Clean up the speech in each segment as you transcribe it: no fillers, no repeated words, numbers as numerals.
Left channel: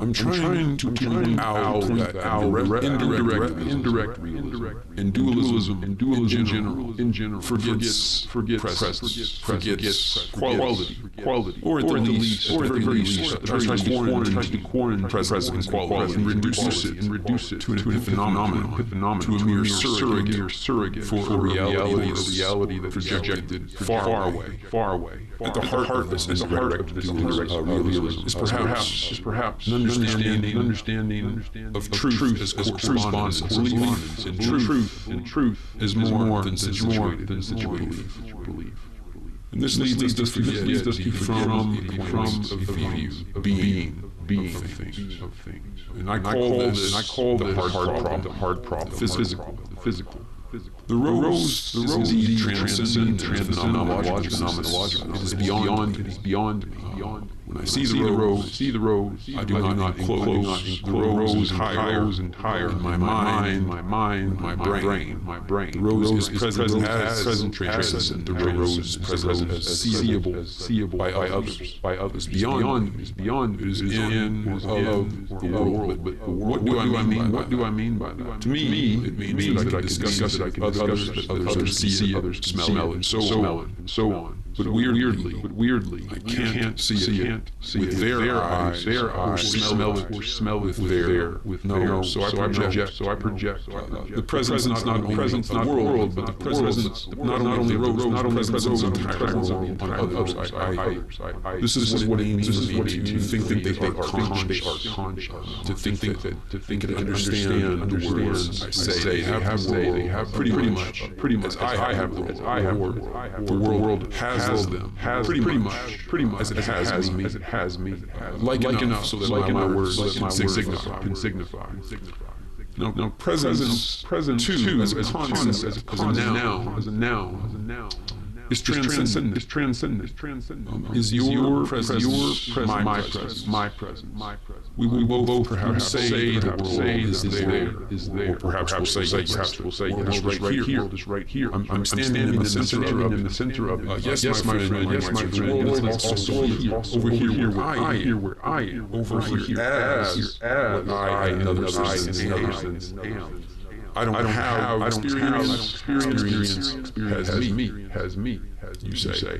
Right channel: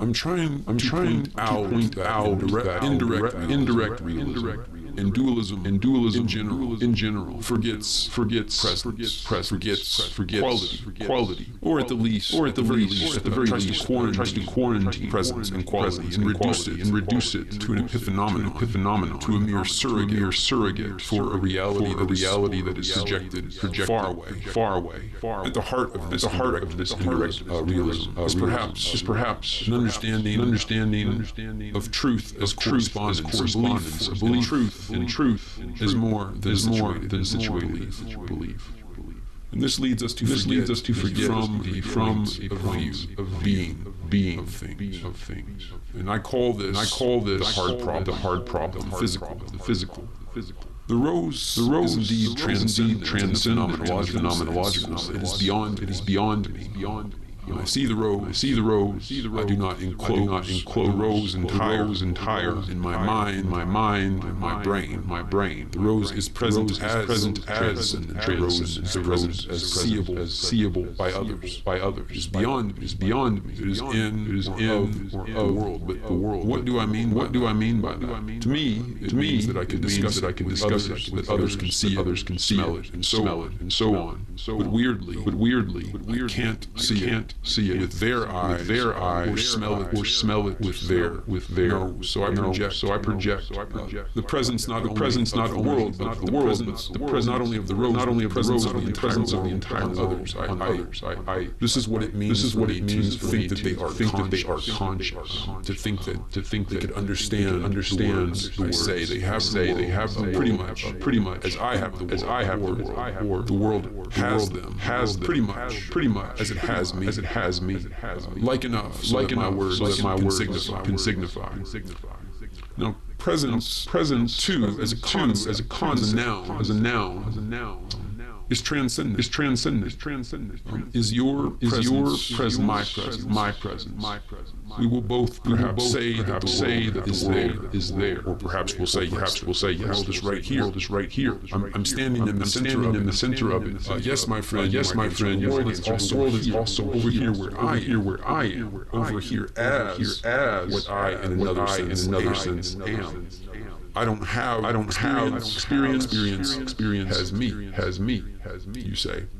I'm trying to point out that indirectly, and dualism in general forgets presence, forgets quality, or at the very least, tries to quarantine presence and quality and reduce it to an epiphenomenon, to a mere surrogate for a reality that is projected far away. At the heart of this indirect realism is perhaps an understanding of truth as correspondence, a belief in truth is more than situational belief. And this leads us to forget from the point of view, being of things. And I call this the hard problem, physical. The rose is indeed transcendent in its phenomenological sense. It is beyond. When I see the rose, I do not enclose the rose entire in my mind, my brain. The rose is present as transcendent. The rose is present as seeable by others. It is beyond. It is in of the world. But what do I mean by that? To me, it means that I can discuss it with others, that others can see it, smell it, and so on. But weirdly, I can't see it with their eyes or smell it with their nose. So I project the presence not only of the world, but the presence not only of the rose, but the presence of the entire world on others. This is what it means for me to think that they are conscious, to think that they can understand the words I say. They have the world pretty much as I have the world. The world has them pretty much as it has me. Like enough so that my words can signify. Now, presence too, as a concept, as a noun, is transcendent. Is your presence my presence? We will both perhaps say that the world is there, or perhaps we'll say yes, the world is right here. I'm standing in the center of it. Yes, my friend, the world is also here, over here where I am, over here as what I in another sense am. I don't have experience has me. You say.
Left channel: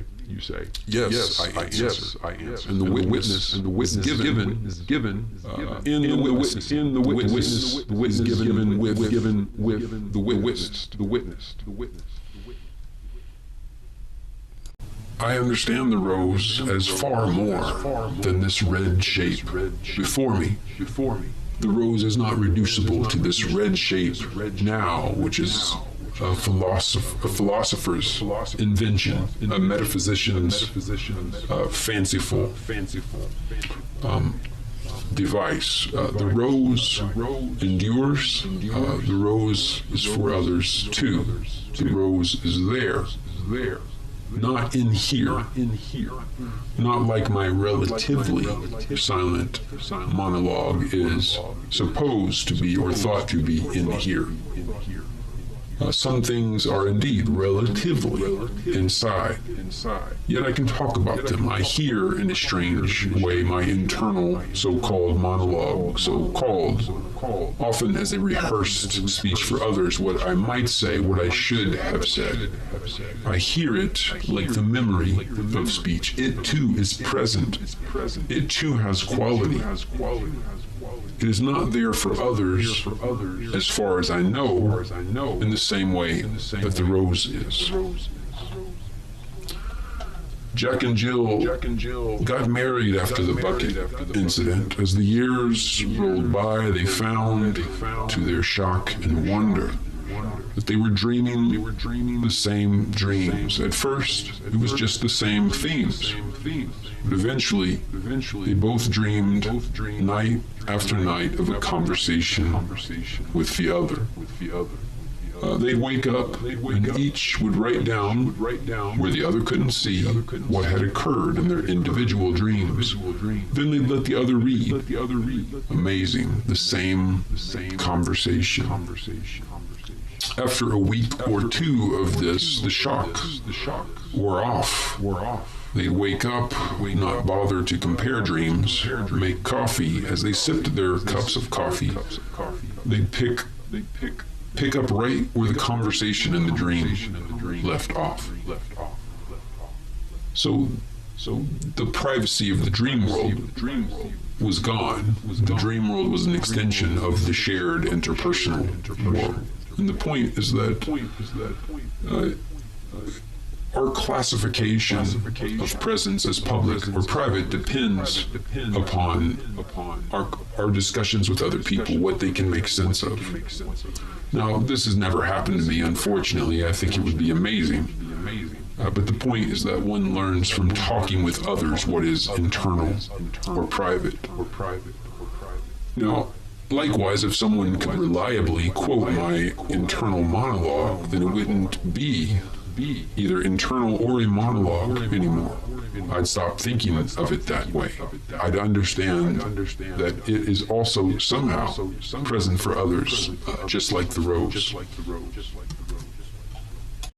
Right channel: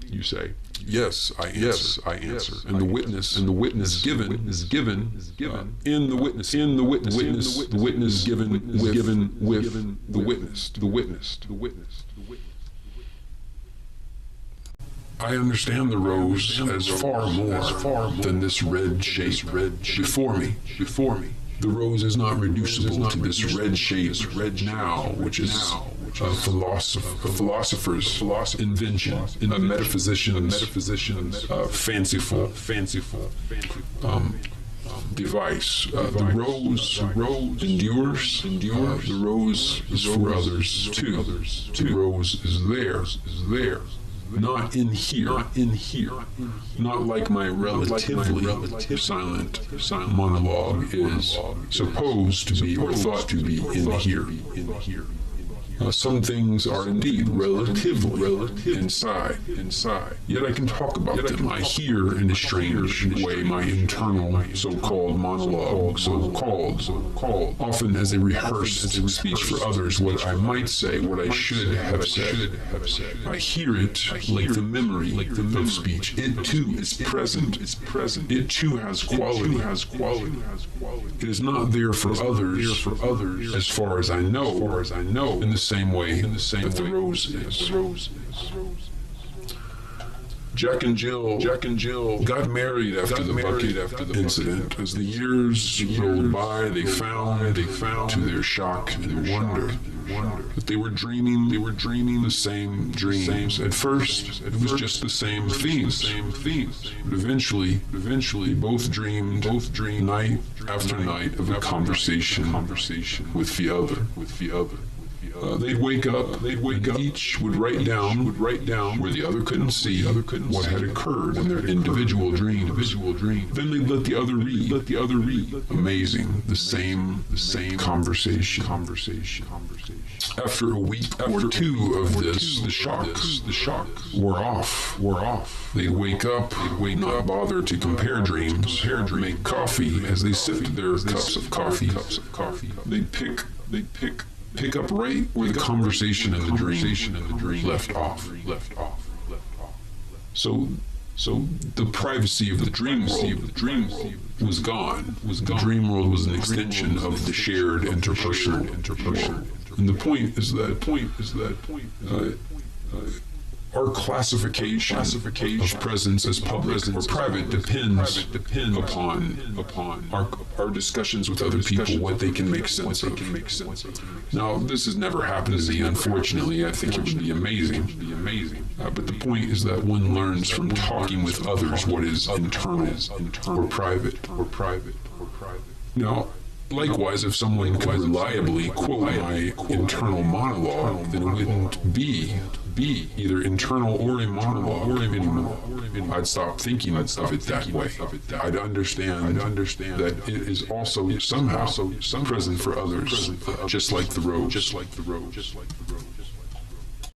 Yes, I answer. And the witness was given. In the witness, the witness was given with the witness. I understand the rose as far more than this red shape before me. The rose is not reducible to this red shape now, which is a philosopher's invention, a metaphysician's fanciful device. The rose endures. The rose is for others too. The rose is there. Not in here. Not like my relatively silent monologue is supposed to be or thought to be in here. Some things are indeed relatively inside. Yet I can talk about them. I hear in a strange way my internal so-called monologue, so-called, often as a rehearsed speech for others, what I might say, what I should have said. I hear it like the memory of speech. It too is present. It too has quality. It is not there for others, as far as I know, in the same way that the rose is. Jack and Jill got married after the bucket incident. As the years rolled by, they found to their shock and wonder that they were dreaming the same dreams. At first, it was just the same themes. But eventually, they both dreamed night after night of a conversation with the other. They'd wake up. Each would write down where the other couldn't see what had occurred in their individual dream. Then they'd let the other read. Amazing. The same conversation. After a week or two of this, the shock wore off. They'd wake up, not bother to compare dreams, make coffee. As they sipped their cups of coffee, they'd pick up right where the conversation in the dream left off. So the privacy of the dream world was gone. The dream world was an extension of the shared interpersonal world. And the point is that our classification of presence as public or private depends upon our discussions with other people, what they can make sense of. Now, this has never happened to me, unfortunately. I think it would be amazing. But the point is that one learns from talking with others what is internal or private. Now, likewise, if someone could reliably quote my internal monologue, then it wouldn't be either internal or a monologue anymore. I'd stop thinking of it that way. I'd understand that it is also somehow present for others, just like the road.